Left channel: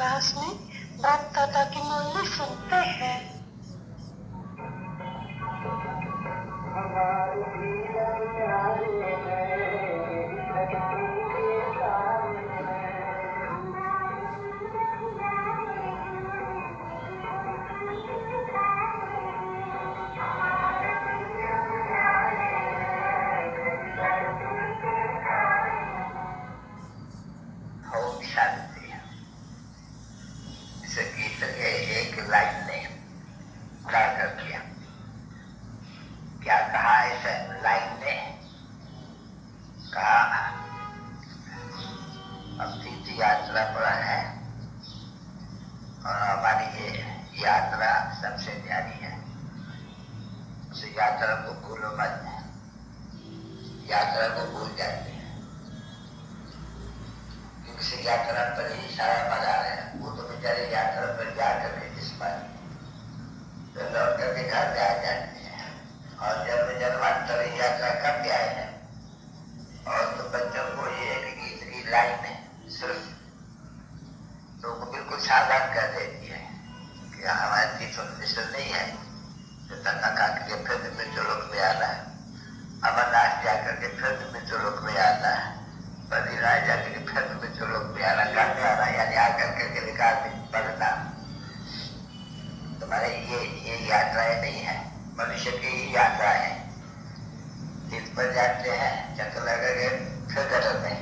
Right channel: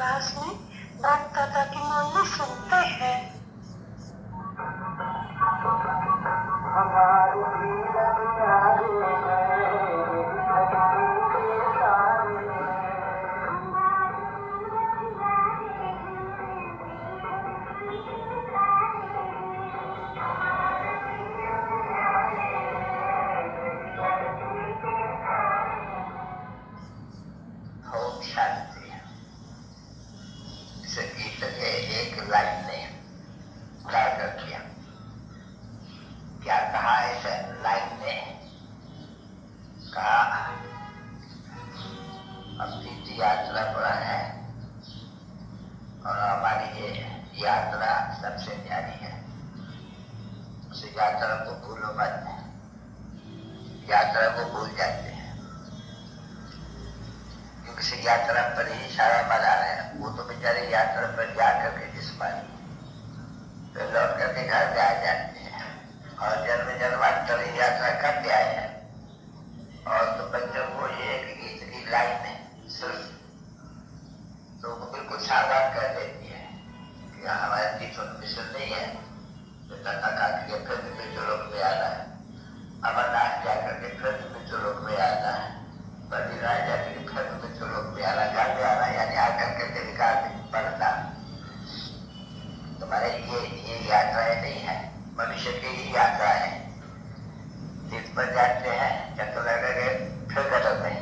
Class में बाप दादा की मौली सुनते हैं। ओम शांति। इस गीत के एक लाइन ने उजागर किया। क्या कहा इस लाइन ने? कहा हम तीर्थ यात्रा पर है और हमारी ये यात्रा सबसे प्यारी है। उस यात्रा को भूलो मत। यात्रा को भूल जाते हैं क्योंकि इस यात्रा पर ही सारा मजा है। वो तो बेचारे यात्रा पर जा करके जिस पानी तो लौट करके घर पे आ जाते हैं और जन्म जन्मांतर यात्रा करके आए हैं। और तो बच्चों को ये एक गीत की लाइन है सिर्फ तो वो बिल्कुल सावधान कर देती है कि हमारे गीत नहीं है तो तथा के फिर मृत्यु लोक में आना है। अमरनाथ जाकर के फिर मृत्यु लोक में आना है। बद्रीनाथ जाकर के फिर मृत्यु लोक में आना, घर में आना यानी आकर के विकास में बढ़ना। तुम्हारे ये यात्राएं नहीं है, मनुष्य की ही यात्रा है। तीर्थ पर जाते हैं, चक्कर लगेंगे फिर गटर में,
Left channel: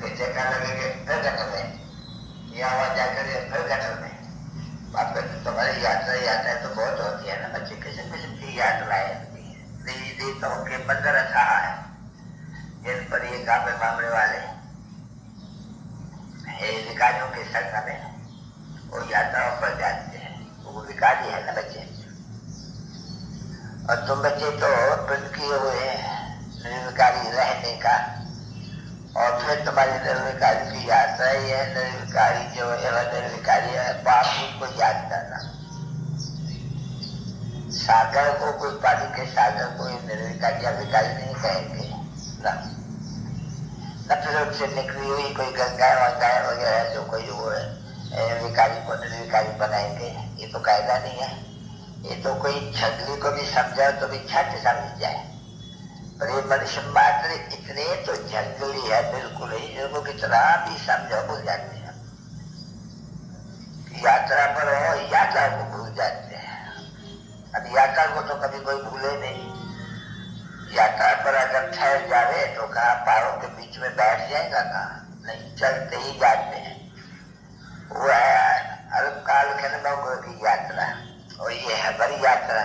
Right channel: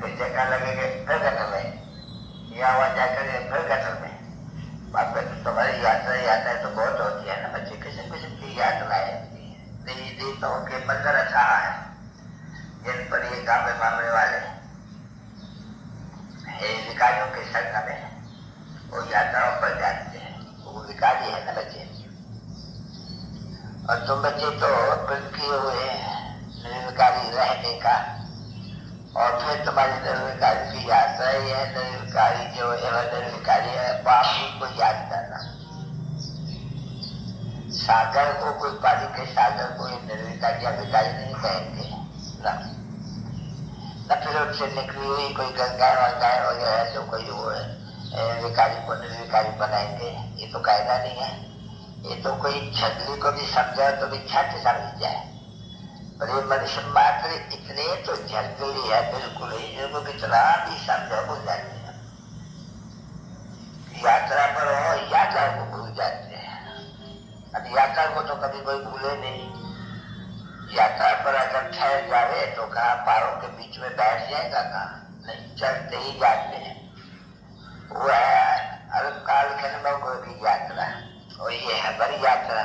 फिर चक्कर लगेंगे फिर गटर में, यहाँ वहां जाकर फिर गटर में। बाप कहते तुम्हारी यात्रा तो बहुत होती है ना बच्चे। किस्म किस्म की यात्राएं देवताओं के मंदिर अच्छा है जिन पर ये काम मामले वाले विकारियों के संग में वो यात्राओं पर जाते हैं। वो विकारी है ना बच्चे। और तुम बच्चे तो वृद्ध किए हुए निर्विकारी रहने का और फिर तुम्हारी निर्विकारी की यात्रा ही है। निर्विकारी जो है निर्विकारी है, पाप को याद करना। सागर को कोई पानी के सागर को निर्विकारी या विकारी नहीं कहेंगे ना। न फिर उससे निकली हुई कोई गंगाएं वगैरह जो कोई वो है विकारी को निर्विकारी बनाएंगे, ये तो कायदा नहीं है। ये तो कोई छगली को भी समझा तो भी छठ समझ जाए, पर ये मनुष्य मात्र इतने तो झगड़ी है बिल्कुल ही जिनको कितना भी समझा भूल जाते हैं। यात्रा पर हो यात्रा को भूल जाते हैं। अब यात्रा को तो कभी कोई भूले नहीं। यात्रा पर अगर ठहर जावे तो कहा पारों के बीच में बैठ जाएगा, कहा नहीं, चलते ही जाते हैं। वो है अल्पकाल के अनुभव की यात्रा और ये है बड़ी यात्रा।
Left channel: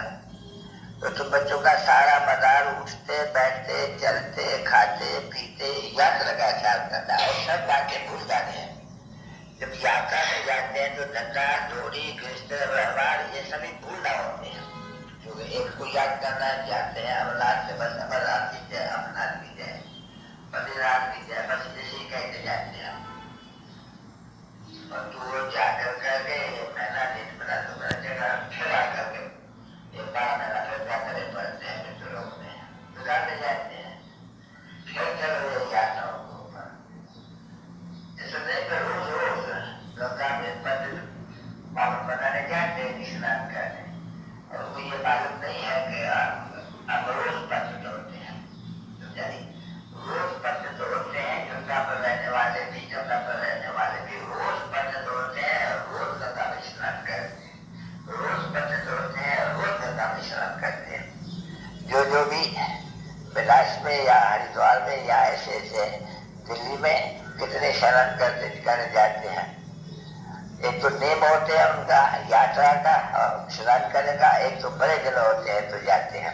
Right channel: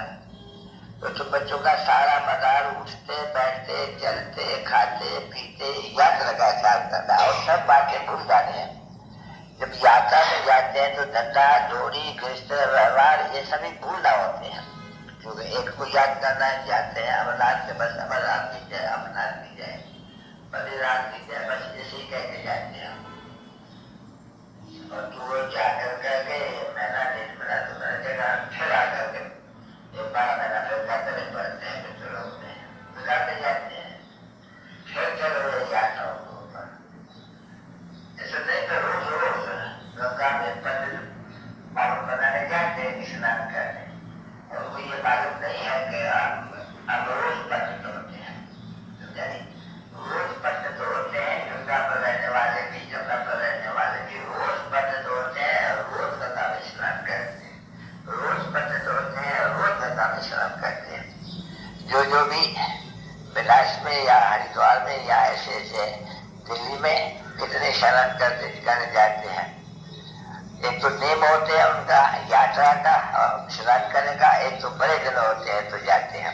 तो तुम बच्चों का सारा मदार उठते बैठते चलते खाते पीते यात्रा का ख्याल करना और सब बातें भूल जाते हैं। जब यात्रा में जाते हैं तो धंधा जोड़ी गृहस्थ व्यवहार ये सभी भूलना होते हैं। क्योंकि एक को याद करना जाते हैं अमरनाथ के बस अमरनाथ की जय, अमरनाथ की जय, बद्रीनाथ की जय, बस इसी कहते जाते हैं। और तू जाकर करके महीना डेढ़ महीना तो मेरा जगह फिर आकर के 12 महीना फिर जाकर पढ़ते हैं मित्र लोग में बिगाड़ते जाते हैं। फिर चलो यात्राओं को ऊपर ऐसे नहीं तो रोज रोज गंगा में पंडित पावन बनाने जाते हैं स्नान करने। और वो ये मालूम नहीं है कि हम रोज पंडित होते हैं। यानी रोज पंडित होते हैं। गंगा पर रहने वाले भी जमुना पर रहने वाले भी रोज पंडित होते हैं, रोज गंगा में स्नान करते हैं, रोज पंडित होते हैं, रोज गंगा में स्नान करते हैं। जो भी बिलास में या हरिद्वार में या ऐसे दिल्ली में कितने स्नान करते ठिकाने जाते हैं। एक तो नियम होते हैं उनका यात्रा का स्नान करने का, एक तो बड़े दिन होते हैं तो जाते हैं।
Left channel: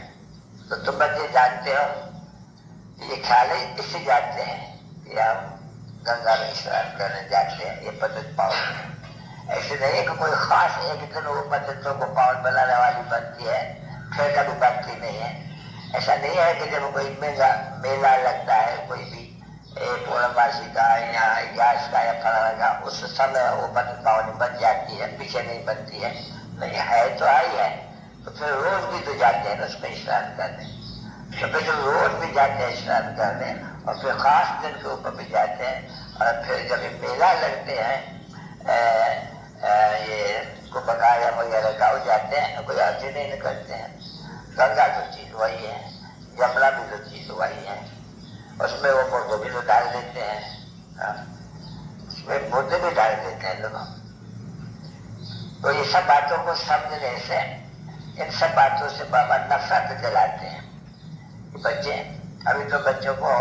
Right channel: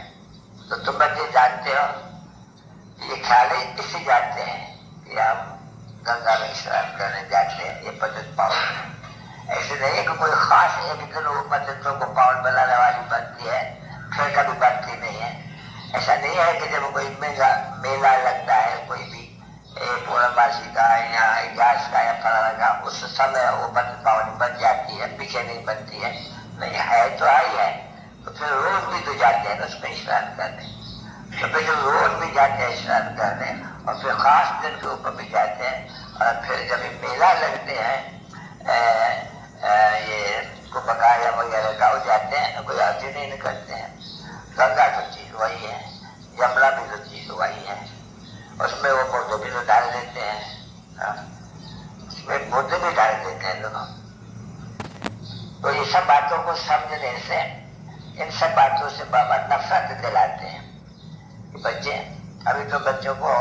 तो तुम बच्चे जानते हो ये ख्याल इससे जाते हैं कि हम गंगा में स्नान करने जाते हैं, ये पद्धत पावन। ऐसे नहीं है कि कोई खास एक दिन वो पद्धतों को पावन बनाने वाली बनती है फिर कभी बनती नहीं है। ऐसा नहीं है कि जब कोई मेला लगता है कोई भी पूर्णमासी का या ग्यास का या फलाना का, उस समय वो पावनी बन जाती है, पीछे नहीं बनती है। नहीं है तो आई है तो फिर रोज भी तो जाते हैं उसमें स्नान करने। तो फिर रोज भी जाते हैं स्नान करने और फिर खास दिन के ऊपर भी जाते हैं। और फिर जब मेला लगते हैं ये कुंभकाया वगैरह गाँव जाते हैं, कोई अर्जी नहीं करते हैं। गंगा जो चीज वही है, यमुना भी जो चीज वही है, उसमें वो पौधे भी तो डाल देते हैं, उसमें पौधे भी डाल देते हैं लोग। तो ये सब बातों को समझने से, इन सब बातों से बाबा नफरत दिलाते हैं। बच्चे, अभी तो बच्चों को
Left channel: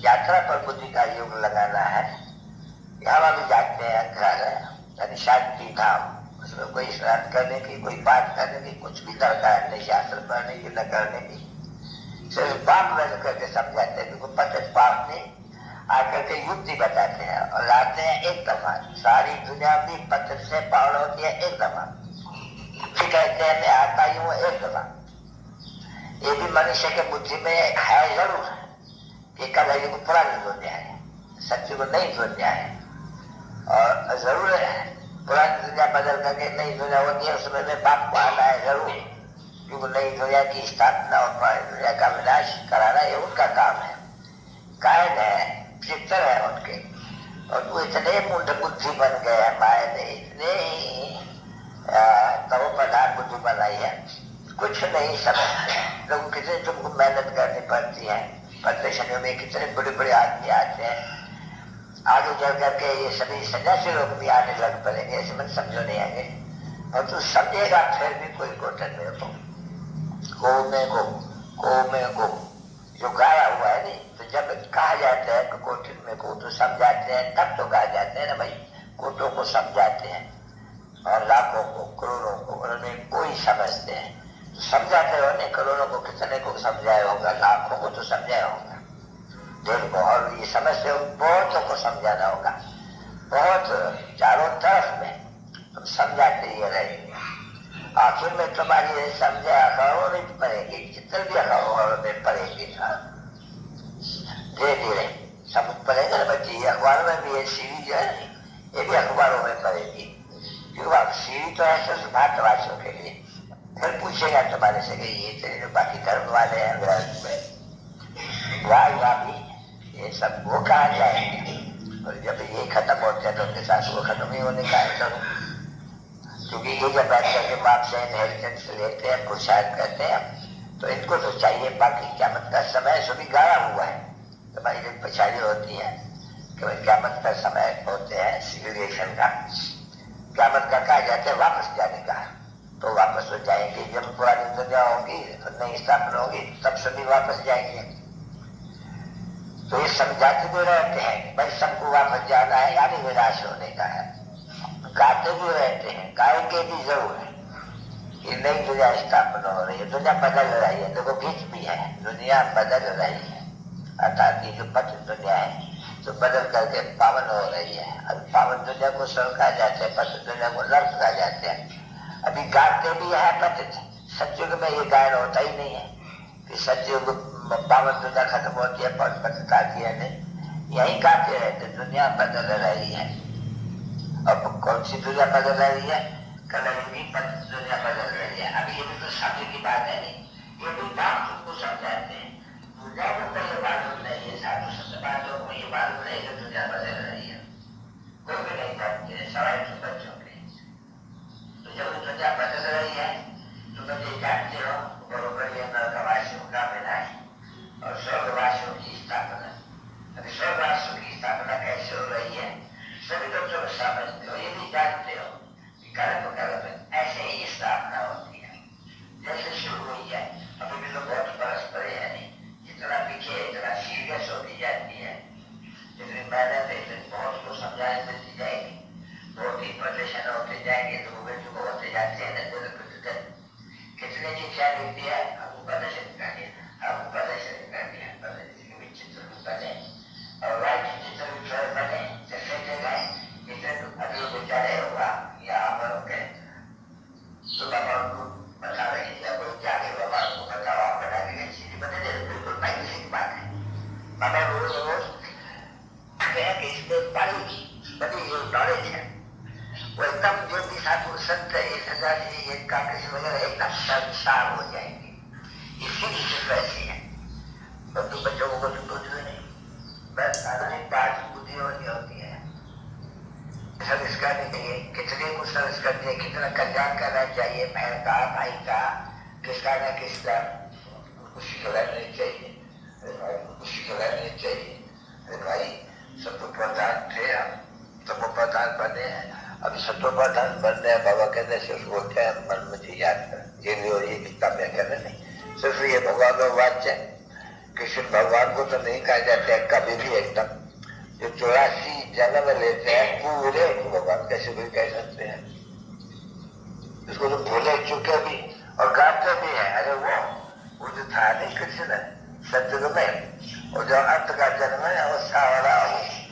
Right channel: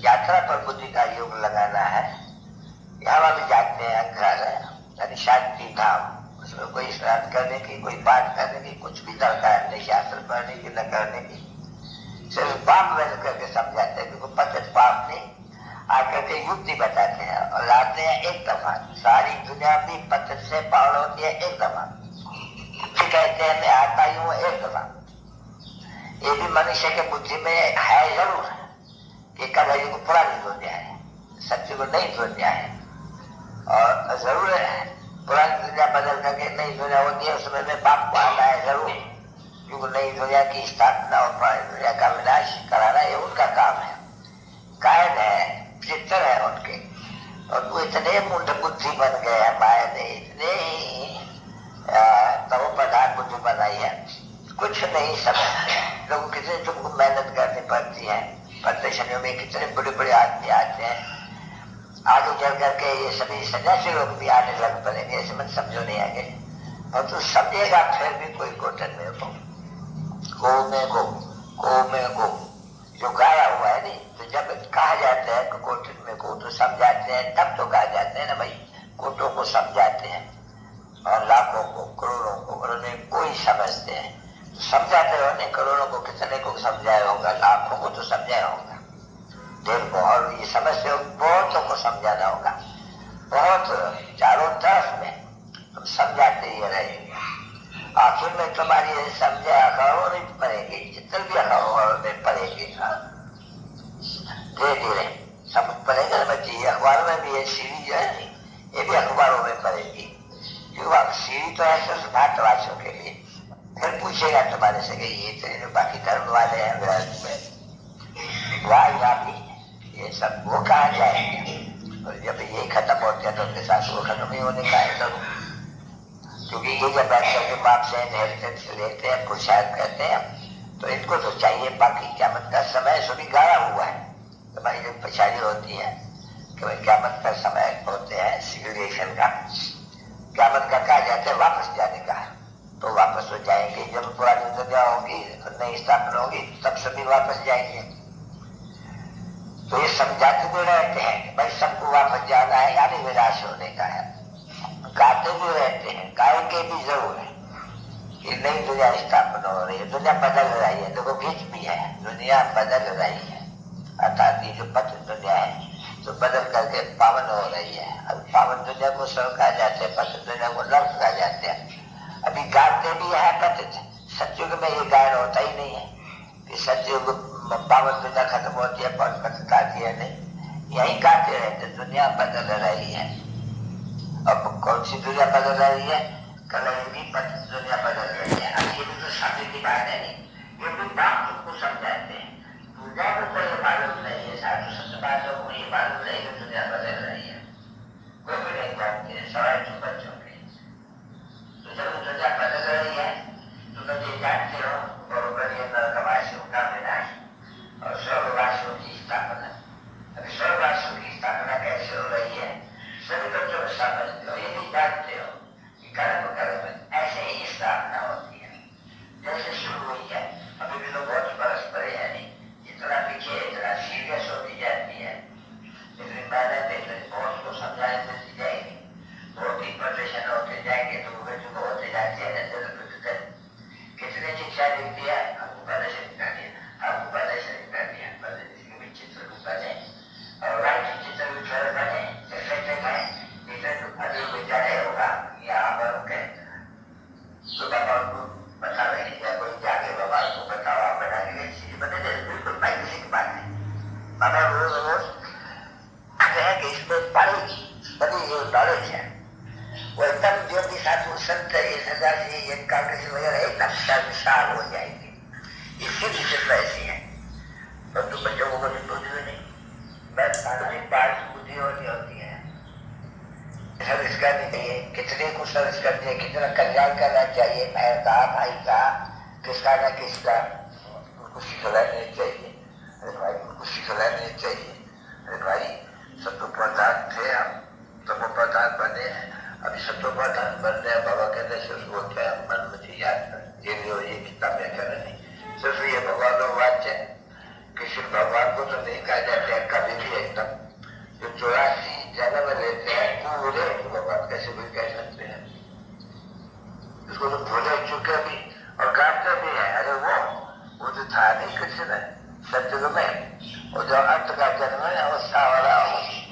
यात्रा पर बुद्धि का योग लगाना है। यहाँ भी जाते हैं घर, यानी शांति धाम, उसमें कोई स्नान करने की, कोई पाठ करने की कुछ भी दरकार नहीं, शास्त्र पढ़ने की, न करने की। सिर्फ पाप वैसे करके समझाते हैं, क्योंकि पतित पाप नहीं, आकर के युक्ति बताते हैं और लाते हैं एक दफा। सारी दुनिया भी पतित से पावन होती है एक दफा। फिर कहते हैं मैं आता ही हूँ एक दफा। ये भी मनुष्य के बुद्धि में है जरूर कि कल को पूरा नहीं हो गया है, सत्य को नहीं हो गया है, और जरूर है पुरानी दुनिया बदल करके नई दुनिया होती है, उसमें में पाप को आना है जरूर, क्योंकि नई दुनिया की स्थापना और पुरानी दुनिया का विनाश कराना ये उनका काम है। कायन है, चित्र है उनके, और वो इतने मूढ़ बुद्धि बन गए हैं, माया ने इतने तवो प्रधान बुद्धि बनाई है, कुछ नहीं समझते। लोगों कितने तुमको मेहनत करनी पड़ती है, प्रदर्शनियों में कितने बड़े बड़े आदमी आते हैं, आगे चल करके ये सभी सन्यासी लोग भी आने लग पड़ेंगे, ऐसे मत समझो नहीं आगे। और तू समझेगा फिर भी कोई कोटन में को जो गाया हुआ है नहीं, तो जब कहा जाता है कोटन में को, तो समझाते हैं, तब तो कहा जाते हैं ना भाई, कोटों को समझाते हैं और लाखों को, करोड़ों को, उन्हें कोई समझते हैं, तो समझाते हो नहीं, करोड़ों को कितने को समझाया होगा, लाखों को तो समझाया होगा दिल को, और ये समझते हो बहुतों को समझाना होगा, बहुत चारों तरफ में तुम समझाते ही रहेंगे। आखिर में तुम्हारी समझे अखबारों में पड़ेगी, चित्र भी अखबारों में पड़ेगी, धीरे धीरे सब पड़ेगा ना बच्चे। ये अखबार में भी है सीढ़ी जो है, ये भी अखबारों में पड़ेगी, क्योंकि सीढ़ी तो है सिर्फ भारतवासियों के लिए। फिर पूछेगा तुम्हारे से कि ये तो बाकी धर्म वाले हैं विराट में, वाह भी ये सब वो कहा जाएंगे, और जब ये खत्म होते हैं तो उनके साथ वो खत्म ही होने का है सब। क्योंकि ये जब बैठ करके बाप से इनहेरिटेंस लेते हैं, पुरुषार्थ करते हैं, तो इनको तो चाहिए बाकी क़यामत का समय सभी गाया हुआ है। तुम्हारी जो पछाड़ी होती है कि क़यामत का समय होते हैं सिविलाइजेशन का, क़यामत का कहा जाता है वापस जाने का, तो वापस हो जाएंगे जब पुरानी दुनिया होगी, नई स्थापना होगी, तब सभी वापस जाएंगे। तो ये समझाते भी रहते हैं भाई सबको वापस जाना है, यानी विनाश होने का है। गाते भी रहते हैं, गाएंगे भी जरूर है कि नई दुनिया स्थापना हो रही है, दुनिया बदल रही है, देखो बीच भी है, दुनिया बदल रही है, अर्थात ये जो पतित दुनिया है तो बदल करके पावन हो रही है। अब पावन दुनिया को स्वर्ग कहा जाते हैं, पतित दुनिया को नर्क कहा जाते हैं। अभी गाते भी है पतित, सत्युग में ये गायन होता ही नहीं है कि सत्युग पावन दुनिया खत्म होती है, पतित आती है, नहीं, यही गाते रहते, दुनिया बदल रही है। अब कौन सी दुनिया बदल रही है? कलयुगी पतित दुनिया बदल रही है। अब ये भी तो शब्द की बात है नहीं, ये भी बात तुमको समझाते हैं, दुनिया को तो ये मालूम नहीं है, साधु संत बातों को ये मालूम नहीं कि दुनिया बदल रही है, कोई भी नहीं जानते, सवाल तुम बच्चों के। तो जब दुनिया बदल रही है तो तुम ये जानते हो बरोबर ये नरकवासियों का विनाश और स्वर्गवासियों की स्थापना। अभी स्वर्गवासियों की स्थापना कैसे हो रही है सभी बच्चों समझते हो, ये भी जानते हो कि कर्म कर्म ऐसे ही स्थापना होती है, जैसे शुरू हुई है। अभी भी तो बहुत बरस पड़े हैं, इतना पीछे इतना सीरियस होती जाती है, इतनी मेहनत इतनी बहुत को समझाने देती जाएगी, बहुत ही प्रदर्शन होते जाएंगे, तो वो होते जाते हैं। कितने शिक्षा देती है, हमको प्रदर्शन कर दिया, हमको प्रदर्शन कर दिया, प्रदर्शन भी चित्र बने और राइट चित्र भी बने, जैसे गए इतने अभी बेचारे होगा यहाँ पर होके तो बाबा उनको बता रहे हैं, या कोई जाके बाबा को बताओ, आप बना के चीज बने दे, बिल्कुल पैसे की बात है। बाबा रोज रोज कि इसमें बड़ी नॉलेज है, वो एकदम जो भी साधु संत ये सन्यासी ये कांग्रेस वगैरह एकदम शर्मसार हो जाएंगे, इसकी भी सिर्फ ऐसी है। तो तुम बच्चों को कुछ पूछो नहीं, बस सार्वजनिक बात बुद्धि होती है, सर्विस करनी चाहिए, कितने को सर्विस करनी है, कितना कल्याण करना चाहिए, बहन का, भाई का, किसका न किसका, उनको सिखला नहीं चाहिए। अरे भाई उनको सिखला नहीं चाहिए। अरे भाई सत्व प्रधान थे हम, तमो प्रधान बने हैं, अभी सत्व प्रधान बनने हैं। बाबा कहते हैं सिर्फ बोलते हैं मन मुझे याद कर, ये भी और ये किताब में कहना नहीं, सिर्फ ये भगवान का वाक्य है। किसी भगवान को तो नहीं कहा जाता है कभी भी एकदम, जो 84 जन्म लेते हैं पूरे भगवान कैसे भी कह सकते हैं, इसको तो भूले चुके भी और गाते भी हैं। अरे वो जो था नहीं कृष्ण सत्युग में, वो जो अंत का जन्म है वो सावरा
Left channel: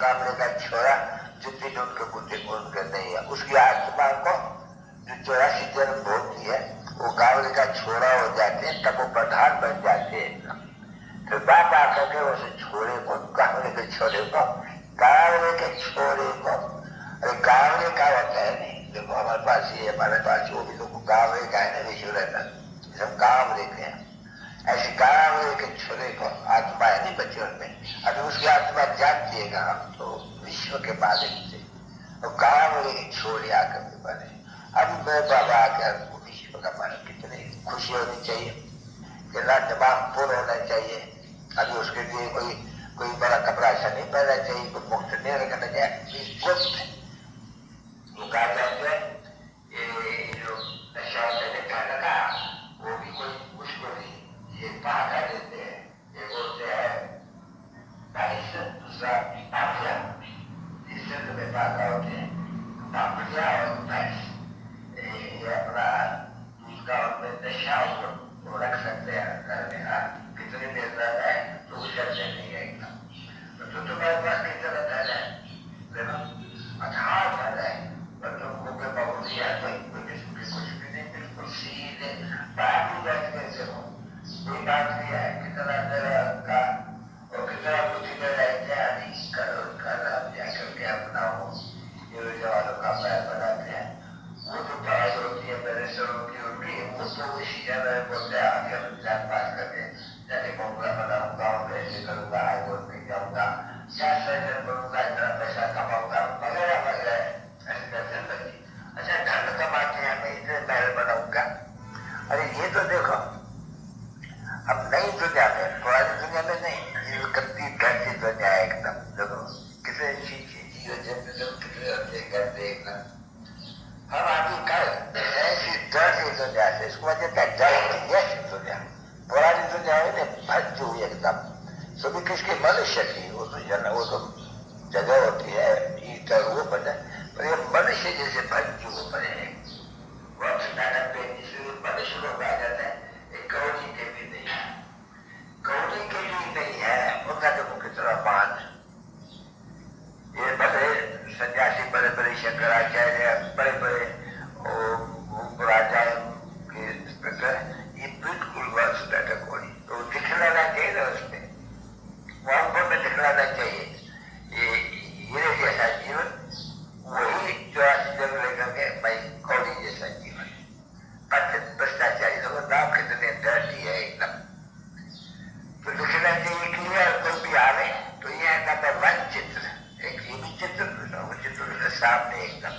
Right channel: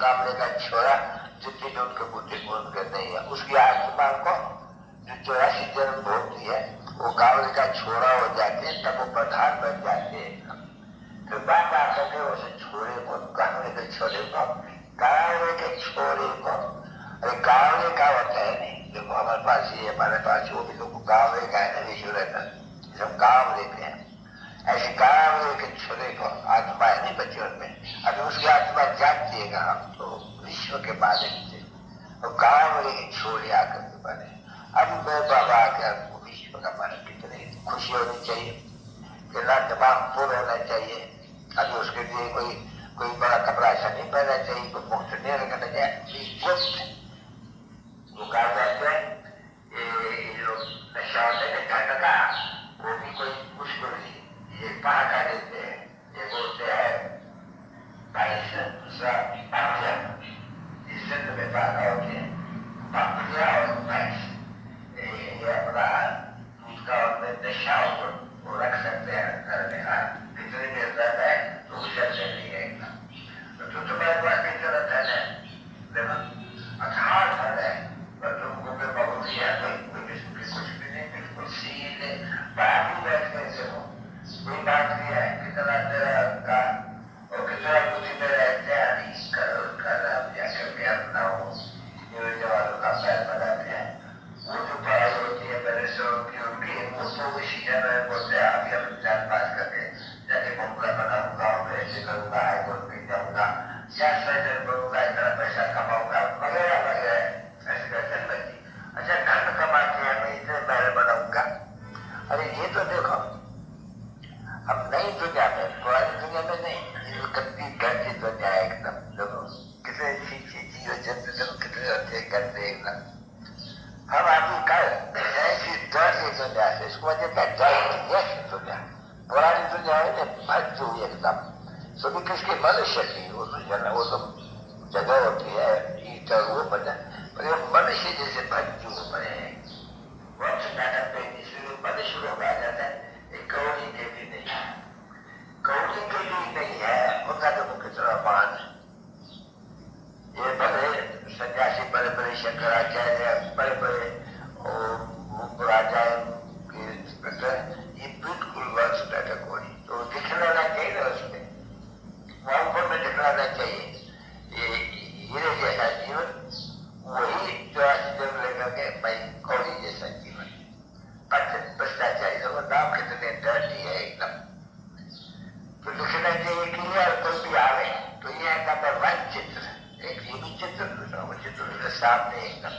गामले का छोरा जितनी जो उनके बुद्धि पूर्ण कर नहीं है, उसकी आत्मा को जो 84 जन्म भोगती है वो गामले का छोरा हो जाते हैं, तब वो प्रधान बन जाते हैं। फिर बात आकर के उसे छोरे को, गामले के छोरे को, गावले के छोरे को, अरे गावले का होता है नहीं, देखो हमारे पास ये हमारे पास वो भी लोग गावले का है ना, विश्व रहता सब गाँव लेते हैं। ऐसे गावले के छोरे को आत्मा है नहीं बच्चों में, अभी उसकी आत्मा जागतिएगा हम तो विश्व के मालिक से, तो गावले के छोरे आकर के बने। अब मेरे बाबा आकर विश्व का मालिक, कितनी खुशी होनी चाहिए, कितना दिमाग पूर्ण होना चाहिए। अभी उसके लिए कोई बड़ा कपड़ा ऐसा नहीं पहनना चाहिए, कोई मुफ्त नहीं रखना चाहिए, गुप्त वो कहा जाते हैं। ये जो नशा होता है खाने का, वो भी कोई मुश्किल नहीं, ये पहाड़ा देते हैं, ये बोलते हैं दूसरा पापिया, इससे तुम्हें पहाड़ा होते हैं पापिया और भैंस, ये अपना दूसरा और नशा वो रख सकते हैं घर में। हाँ कितनी देर रहता है तो उस चलते नहीं है, तो तुम्हारे पास कितना रहता है ना, अठार धन है, पर तुमको पे बहुत ही है, कोई किस्म की कुछ भी नहीं, बिल्कुल सीधे बाबू बैठने से हो, कोई बात नहीं है। कितना तेरा का और कितना बुद्धि तेरा इत्यादि करो करना जाकर के अपना हो, ये जवानों का पैर बनाते हैं। वो जो पढ़ाई होती है मेरे से उनकी वो तो इसी जगह बोलते हैं अभी हम एग्जाम पास करके जाके बंगला बनाऊंगा और ऐसे करूंगा, हाईकोर्ट में जाऊंगा, या सर्जन बनूंगा, इतना पैसा कमाऊंगा वगैरह वगैरह ऐसे करते बच्चे। अच्छा धन कमा के मैं इतने महल बनाऊंगा। अरे ये तो देखो हम नई दुनिया में, पुरानी दुनिया में नहीं, ये गंदी गंदी दुनिया है एकदम। देखो कितने जीव जंतु देखो कितने होते हैं गंदे एकदम। हम अभी कल ऐसी डरती दुनिया से, इसको वजह क्या डर दुनिया, पुरानी दुनिया है भज हुई एकदम, सभी किसके मनुष्य की वो तो जगह होती है ईटर वो बना, पर ये मनुष्य जैसे भज हुए पड़े हैं, वंश नाटक पे इसलिए मनुष्य लोग आ जाता है। एक कौड़ी के भी नहीं है, कौड़ी के भी नहीं है, उनका तो कितना मान। ये बड़े सन्यासी, बड़े बड़े शंकराचार्य, बड़े बड़े राजा के ये बिल्कुल वंश नाटक कोई तो दिखलाना चाहिए ना, उसमें वहां में दिखलाना चाहिए। ये जैसा जीवन वही 84 जन्म लेकर के भाई कौड़ी जैसा जीवन, भ्रष्टाचारी लोग नाम कितने डरती है एकदम। तो दिखना चाहिए क्लियर, कोई भी आवे तो ये नंबर 1 चित्र, एक ये भी चित्र, वो चित्र सामने एकदम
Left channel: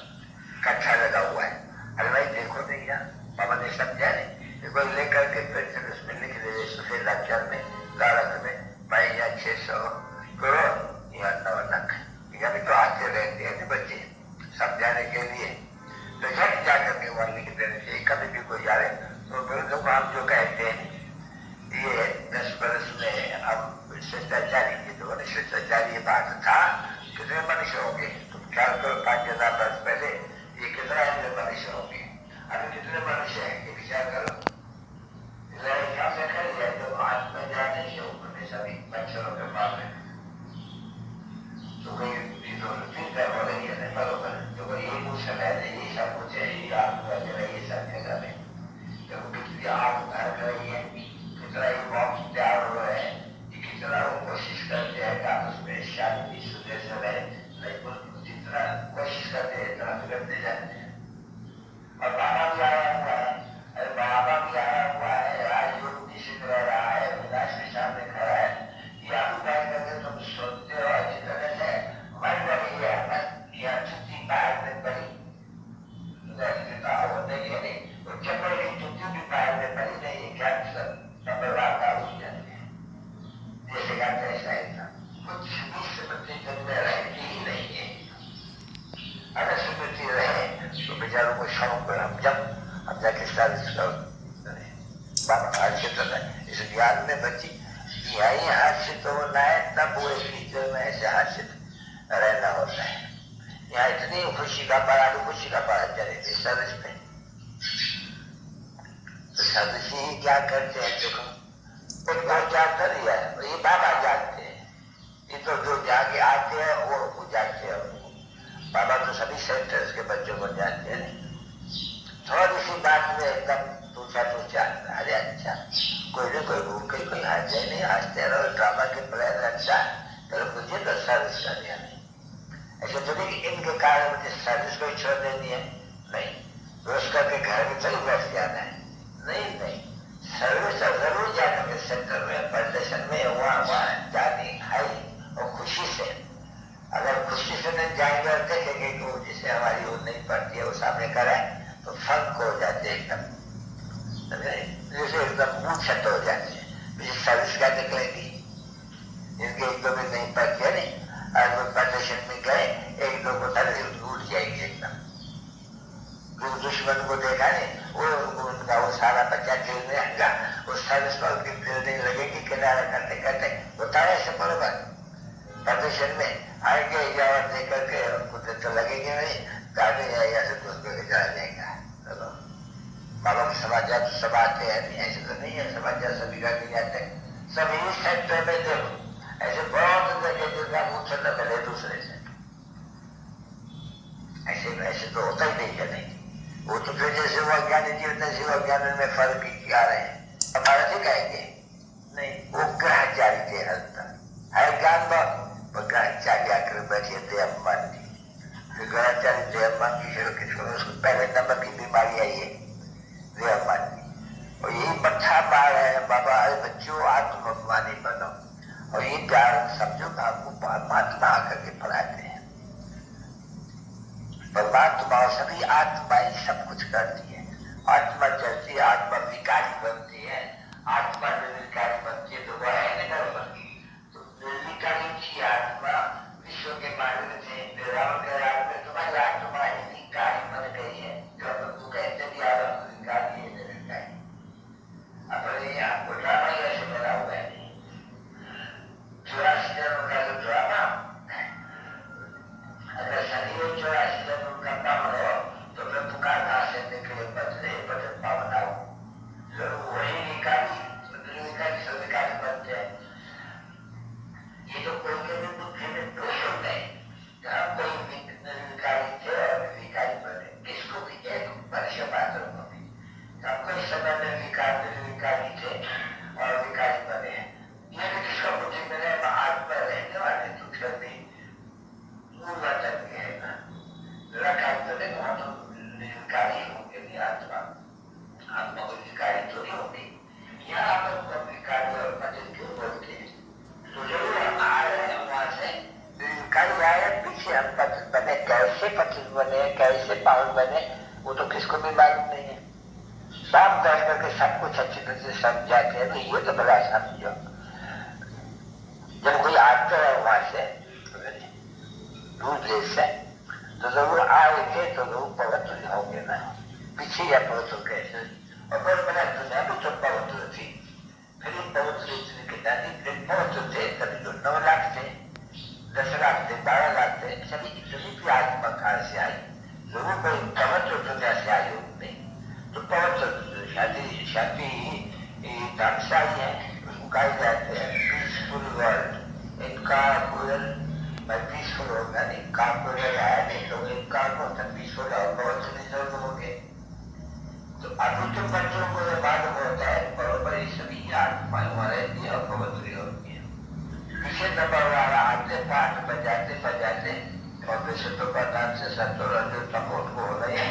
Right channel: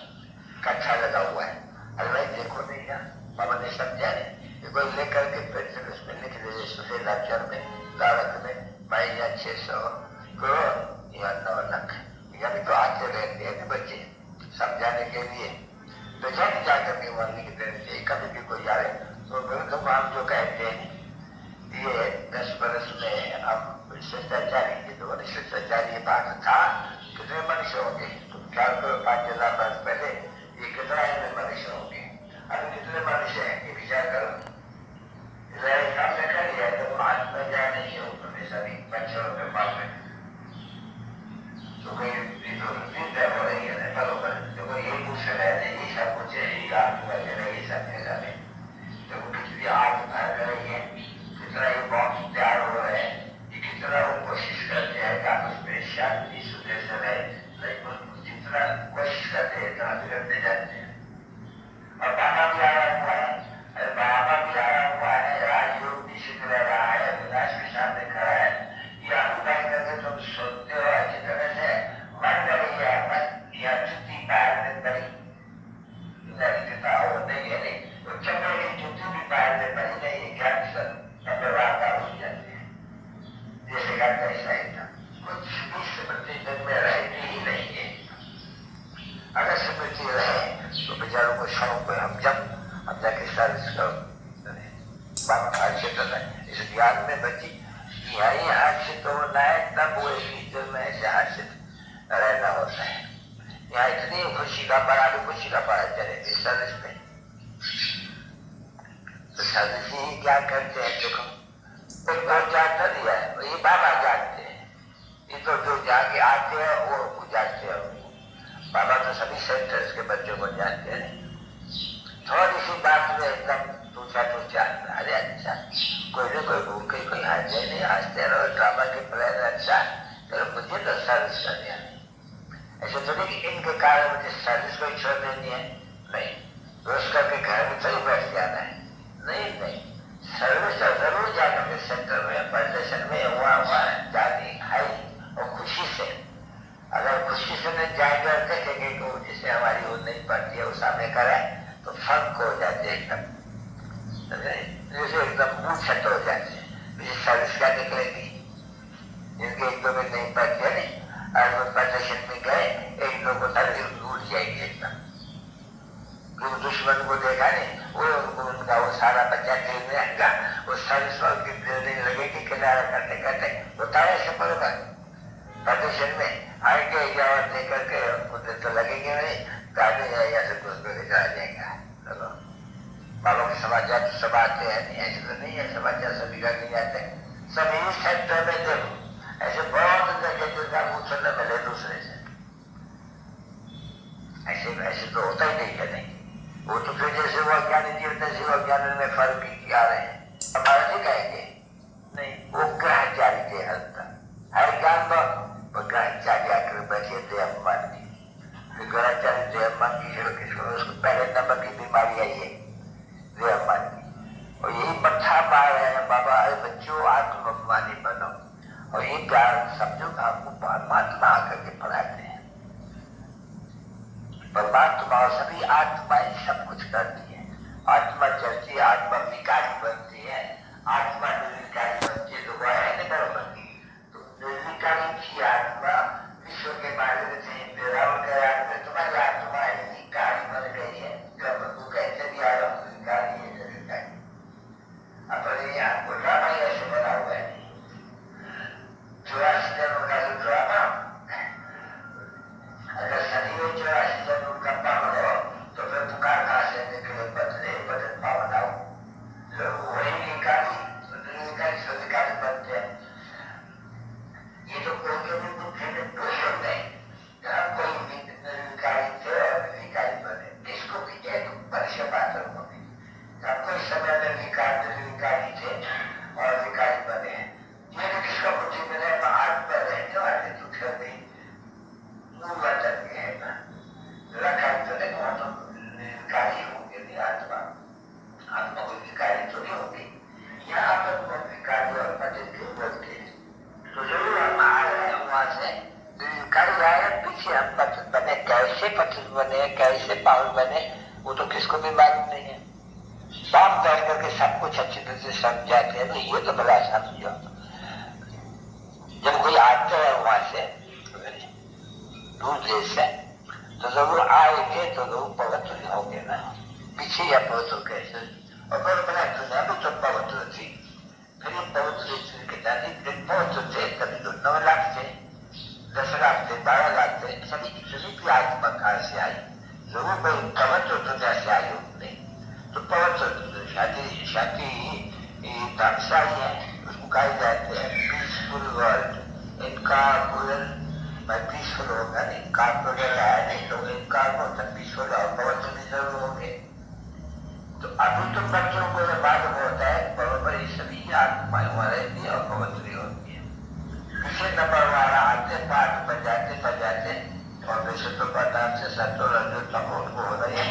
कच्छा लगा हुआ है। अरे भाई देखो नहीं यार, बाबा ने समझा नहीं, कोई लेकर के पेंशन उसमें लिख दे सफेद अक्षर में कागज में भाई या 600 करोड़ या 9 लाख, या भी तो आते रहते हैं बच्चे समझाने के लिए, तो झट जाकर के वहां लिख देने चाहिए। कभी भी कोई आए तो हम जो कहते हैं ये 10 बरस में हम शिष्टाचारी की, तो शिष्टाचारी ये बात था कितने मनुष्य होंगे, तुम ख्याल करो 5000 वर्ष पहले ये कितना इतने मनुष्य होंगे, अभी कितने मनुष्य हैं ये विचार करो। सामने कर लिया तो आज में जाने से ऊपर सभी बच्चों के पास में तो कोई चिंता हो रही है बरोबर, तो कोई ये कुछ है ये सब कुछ है, ये सब जगह में तो कितनी आग भर कर रही है, कितना ये बॉक्स तैयार हो रहा है, ये कितना वो कोशिश करते हैं कि उसमें शांति सुधे से रहे, लेकिन जितना कोशिश करते हैं इतना बिगड़ते जाते हैं। और बाहर भी आया हुआ है, अरे बाहर कपड़े की जूती भी पहनने पड़ी नहीं, ये क्या वार्ता हो जाती है। जैसे का कैसा एकदम कुछ भी स्मृति दिन में रहती ही नहीं है। अगर स्मृति रहे तो बेचारों को शौक है, हम जब हम जाके सर्विस करो बाबा हाथ से कर रहे इस ज्ञान में बची यही हाथ से तो ना है, तब वो इस में ऐसे हाथ से रहना होता है। यहाँ इतनी खुशी का पड़ा भी खुशी का पड़ा चले सर्विस में, तो सर्विस ही क्या करते हैं देखो, तो क्या कर लिया है ये बाबा जानते हैं, ये तो जो जाके आते हैं वो जानते हैं। बाबा तो सभी सेंटर्स के बच्चों को जानते हैं। थोड़ी सी बात में एकदम पूछा तो चाह अरे अच्छा कोई नहीं कोई घूम के कोई हाथ जाए नहीं, हंसते रहो ड्रामा के प्लान अच्छा तो मुझे तो सर्विस कर दिया नहीं। ऐसे तो नहीं कि इनके कारण मुझे सर्विस को छोड़ देनी है, नहीं रोज करके घर में थोड़ी बैठ जाना है, नहीं नहीं सर्विस तो जरूर जाएंगे सेंटर में प्रदर्शन में वहाँ जानी खाई और खुशी से। अगर खुशी से नहीं जाएंगे और देखेंगे कि वो जिसे हमारी वो नहीं पड़ती है वो सामने कराए तो फर्क हो जाते एकदम, जैसे एकदम मुंह छट हो जाते हैं। सर्विस का निकलेगी जिनके एक दो में नहीं पड़ती है नहीं, और वो प्रदर्शन में गए एक दो को सर्विस भूल जाएगी एकदम। क्योंकि दुश्मन को देखा नहीं वो उनका वो सारा बच्चा खेलने आएगा, वो सर्विस को खेलने लगेगी किनारा करते करते बताया ऐसे बरोबर प्रदर्शन में आएंगे या देख करके उनको तो लगेंगे नहीं, गाड़ी या से कुछ चला जाएगा। चलो मालूम समाचार तो सब आते हैं, ऐसे तो नहीं है समाचार सभी का नहीं आते, सभी सेक्टर में देखो ऐसे बहुत जगह मुझसे न मिले दूसरे से, ऐसे ऐसे तो होता ही नहीं है नहीं। वो तो फिर जैसे वो अज्ञानी जीवते से वो अज्ञान में फर्क भी किया रहे हैं हमारे से कहेंगे नहीं, वो ग्रहचारी थे हल्का हर ज्ञान वो ग्रहचारी आकर बैठे थे अम्मान जी, फिर ग्रहचारी थे अम्मान जी उसको पहले नंबर की बीमारी आई है वे अम्मान जी, और यही मट्ठा मार रहे हैं बाबा अरे बच्चों आत्माभिमानी बनो, और ये ज्ञान समझो कि आपको परमात्मा आकर के पढ़ाते हैं। परमात्मा सभी आत्माएं सब कुछ करती है, आत्मा चलती है, आत्मा विकारी बनती है, आत्मा निर्विकारी बनती है, तो वह है बन गई तो निर्विकारी की आत्मा विश्व के बारे में तुम्हारी आत्मा विकारी बन गई है। जब तू कहते भी आ रहा हूँ विकारी है निर्विकारी, अपने आपको ड्रामा ही ऐसे बना हुआ है 84 जन्म का जो ड्रामा, अगर शनि में 84 जन्म का पावन हो तो फिर पुकार कहाँ से निकले बदन पावन आओ, लोग वही निकाली स्वीकारी बनते हैं। ये तो कोई के भी बुद्धि में कोई नहीं, जहाँ कोई निर्विकारी थे और निर्विकारी बने, किसको भी एक वर्ष पात्र हो गई, जहाँ कोई समय में निर्विकारी थे और विकारी बने हैं, ये किसका बुद्धि में रहे आत्मा रहने वाले दुख नहीं वचन है ना रखा तो नहीं, वहां तो निर्विकारी होंगे नहीं, आत्मा आत्मा कोई विकारी तो नहीं होगी, यहाँ पर वो विकारी और पतित क्यों बोलते हैं, तो जरूर हम आ रहे हैं वहां से निर्विकारी आए, पीछे हम पतित बने, कैसे पतित बने कैसे पावन बने वो तो किसको भी मालूम नहीं है। बाप बैठ करके सब कुछ अच्छी तरह से समझाते हैं, तो ये तो बड़ा समझो जब कोई आता है वहां से दूर देश से तो जरूर आएंगे तो जरूर पवित्र होंगे ना, पीछे या पवित्र कैसे, और फिर बना दुनिया भी तो पवित्र थी, फिर ये पवित्र के नजदीक पवित्र थे, कभी तो 9 लाख थे, 10 लाख थे, 12 लाख थे, सभी इतनी भी आत्मा कहाँ से आई, जरूर कोई पवित्र दुनिया से आई होंगे, तो पवित्र शांति धर्मशाली है, उसको कहा जाते हैं पीसफुल वर्ल्ड, इनका पीसफुल होगा नहीं, कार्पोरेट आया नहीं तो इनका पीसफुल और पवित्र भी जरूर होंगे। तो अभी तो बच्चों को जब मालूम होता है बराबर ये सभी आत्माएं वहां रहती है और पवित्र होती है। पीछे नंबर वाला आते पाठ बजाते और वैसे तो प्रधान से सत्तर रजो तब उनको होना ही है,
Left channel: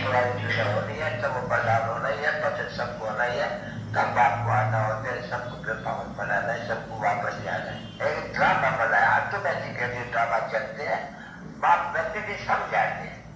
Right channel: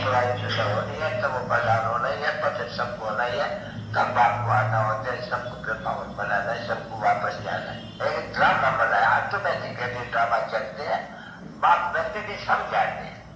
होनी है, तब वो प्रधान होना ही है, पतित सबको होना ही है, तब बाप को आना होता है, सबको पावन बनाना है, सबको वापस जाना है। एक ड्रामा बनाया ऑटोमेटिकली ड्रामा चलते हैं, बाप व्यक्ति भी समझाते हैं